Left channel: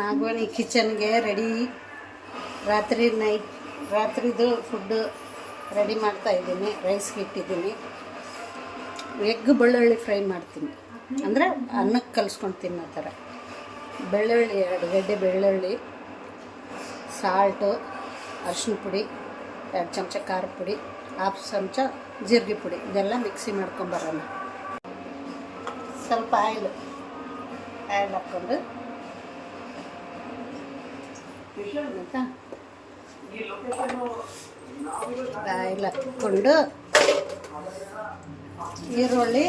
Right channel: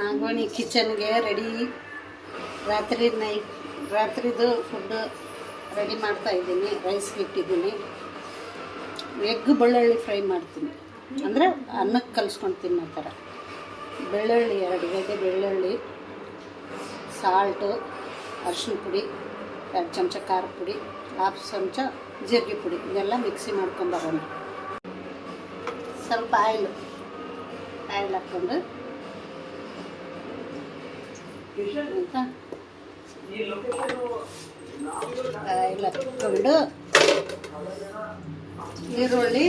ನಾಗೋಣಿ ಕಿಚನ್ಗೆ ready. ರಾತ್ರಿದು food ready ಮಾಡ್ತಾಯಿದ್ದೀನಿ. ರೈಸ್ಗೆ ಇಟ್ಟಿದ್ದೀನಿ. Egg ಬೆಳ್ಳುಳ್ಳಿ ಫ್ರೈ ಮಾಡ್ತೀನಿ, ಅಂದರೆ ಅನ್ನಕ್ಕೆ ಕಲಿಸ್ಕೊಂಡು ತಿನ್ನೋ ಥರ. ಬೆಳ್ಳುಳ್ಳಿ 2 ಗೆಡ್ಡೆ ಬೆಳ್ಳುಳ್ಳಿ, ಸಾಲ್ಟು, ಅರಿಶಿನ ಪುಡಿ, 2 ಚಮಚ ಖಾರದ ಪುಡಿ, 1/2 ಚಮಚ ಜೀರಿಗೆ ಪುಡಿ, ಇದೆಲ್ಲ ಮಿಕ್ಸಿ ಮಾಡ್ಕೊಂಬರೋಣ. ಸ್ವಲ್ಪ ಆಯಿಲ್ ಹಾಕ್ಕೊಂಡು ಆಯಿತಾ, ಆಯಿಲ್ ಹಾಕ್ಕೊಂಡು ಈರುಳ್ಳಿ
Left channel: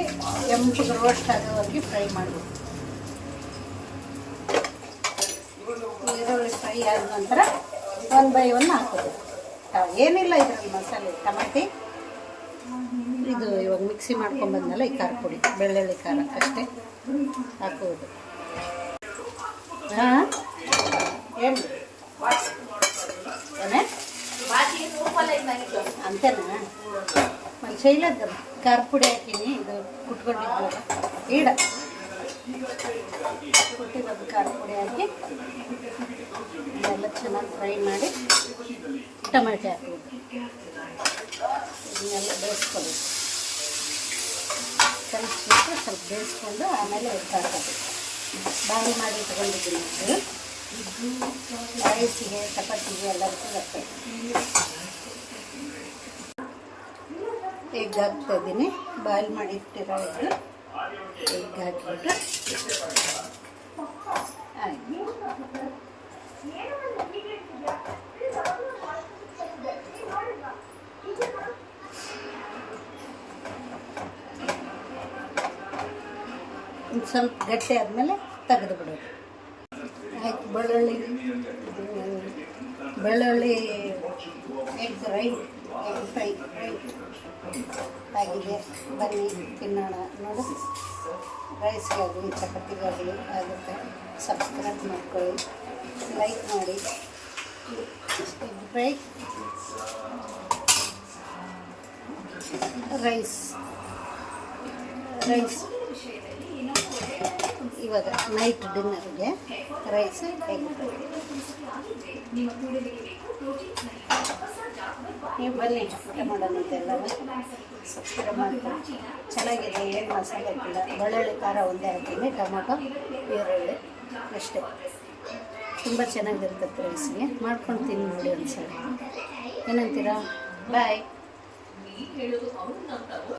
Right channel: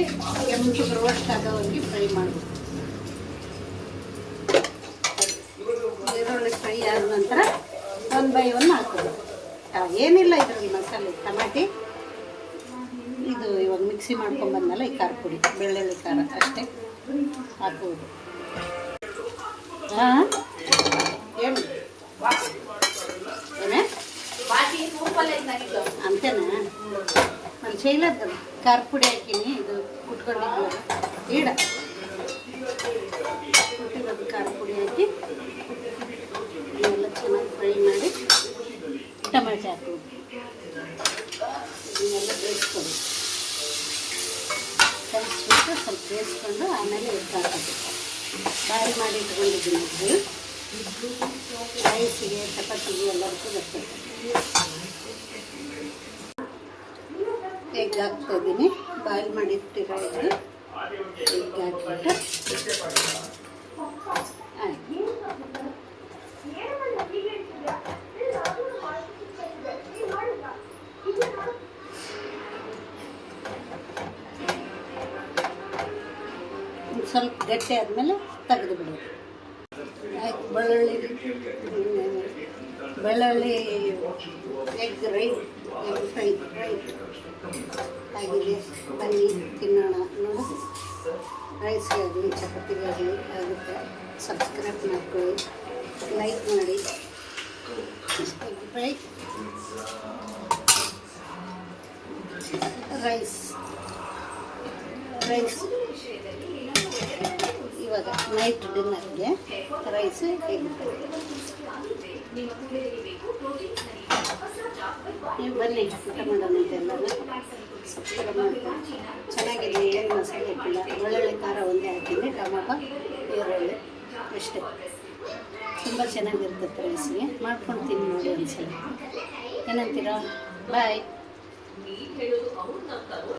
ಕೆಂಪಗೆ ರೋಸ್ಟ್ ಆಗೋವರೆಗೆ ಫ್ರೈ ಮಾಡಬೇಕು. ಈರುಳ್ಳಿ ಫ್ರೈ ಆದ ನಂತರ 1 by 1 ಹಾಕೋದು. ಏನಿಲ್ಲ ಇದರಲ್ಲಿ ಮಸಾಲೆ, ಟಮಾಟಿ ಇದು ಇವಾಗ ಮಿಕ್ಸಿ ಮಾಡ್ಕೊಂಡ್ಬಂದಲ್ಲ, ಈ ಖಾರ ಪುಡಿ, ಬೆಳ್ಳುಳ್ಳಿ ಖಾರ ಅಷ್ಟೇ ಹಾಕೋದು. ಹಾಂ ಹೇಳಿ ಏನೇ ಅಂತೇನಾ? ಮತ್ತು ಶೈಲದ ಖಾರ ಪುಡಿ ಹಾಕೀನಿ, ಇದು ಕುಟ್ಕೊಂಡಿದ್ವಲ್ಲ ಈಡ ಕುಟ್ಟಿರೋದು ಖಾರ ಪುಡಿ ಹಾಕಿ ಇದೆಲ್ಲ ಚೆನ್ನಾಗಿ ಫ್ರೈ ಮಾಡಿ ಟೊಮೆಟೊ ಹಾಕೋದು. ಇದನ್ನೆಲ್ಲ ಬೇಯಿಸ್ಕೊಬೇಕು, ಕಲಿಸ್ಬಿಟ್ಟು ಸ್ವಲ್ಪ ಬೇಯಿಸ್ಕೊಂಡು ಆಮೇಲೆ ಎದ್ದು ಹಾಕೋದು. ಬಾಯಿ ಮಾಡಿ ಇಟ್ಕೊಂಡಿದ್ದೀನಿ. ಇದು ರೈಸಿಗೆ, ಚಪಾತಿಗೆ ಎಲ್ಲದಕ್ಕೂ ಬರ್ತದೆ. ಎಗ್ ಹಾಕ್ತಾಯಿದ್ದೀನಿ. ಬಾಯ್ಲ್ ಮಾಡಿ ಇಟ್ಟಿರೋ ಎಗ್ ಹಾಕ್ಬಿಟ್ಟು ಆಯ್ತು. ಸ್ವಲ್ಪ ಗಟ್ಟಿ ಆದಮೇಲೆ ತೆಗೆದು ಬಿಡೋದು. ಆಯ್ತು. ಬೆಳ್ಳುಳ್ಳಿ ಎಗ್ ಫ್ರೈ ಆಗಿದೆ. ಬನ್ನಿ ತಿನ್ನೋಣ. ನೋಡಿ, ರೈಸ್ಗಾಗಲಿ ಚಪಾತಿಗಾಗಲಿ ಆಗುತ್ತೆ. ಸಬ್ಸ್ಕ್ರೈಬ್ ಮಾಡ್ಕೊಳ್ಳಿ, ಲೈಕ್ ಮಾಡಿ. ಫ್ರೈ ರೈಸ್ ಇವಾಗ ನೈಟ್ ಡಿನ್ನರ್ಗೆ ರೈಸ್ ಎಗ್. ನೀವು ಬನ್ನಿ ಊಟ ಮಾಡೋಣ. ಇದೆಲ್ಲರೂ ಸಬ್ಸ್ಕ್ರೈಬ್ ಮಾಡ್ತೀನಿ. ಚೆನ್ನಾಗಿದೆ, ಏನು ಮಸಾಲೆ ಹಾಕಿಲ್ಲ. ಬೆಳ್ಳುಳ್ಳಿ ಖಾರ ಒಂದೇ ಹಾಕಿದ್ದೆ, ಟೊಮೊಟೊ, ಈರುಳ್ಳಿ ಅಷ್ಟೇ. ತುಂಬ ಚೆನ್ನಾಗಿರ್ತದೆ. ರೈಸ್ಗೆ ಮಾಡ್ಕೊಂಡು ತಿನ್ನಿ ನೋಡಿ ಒಂದ್ಸಲ. ಏನಂತೀರಾ? ಬಾಯ್.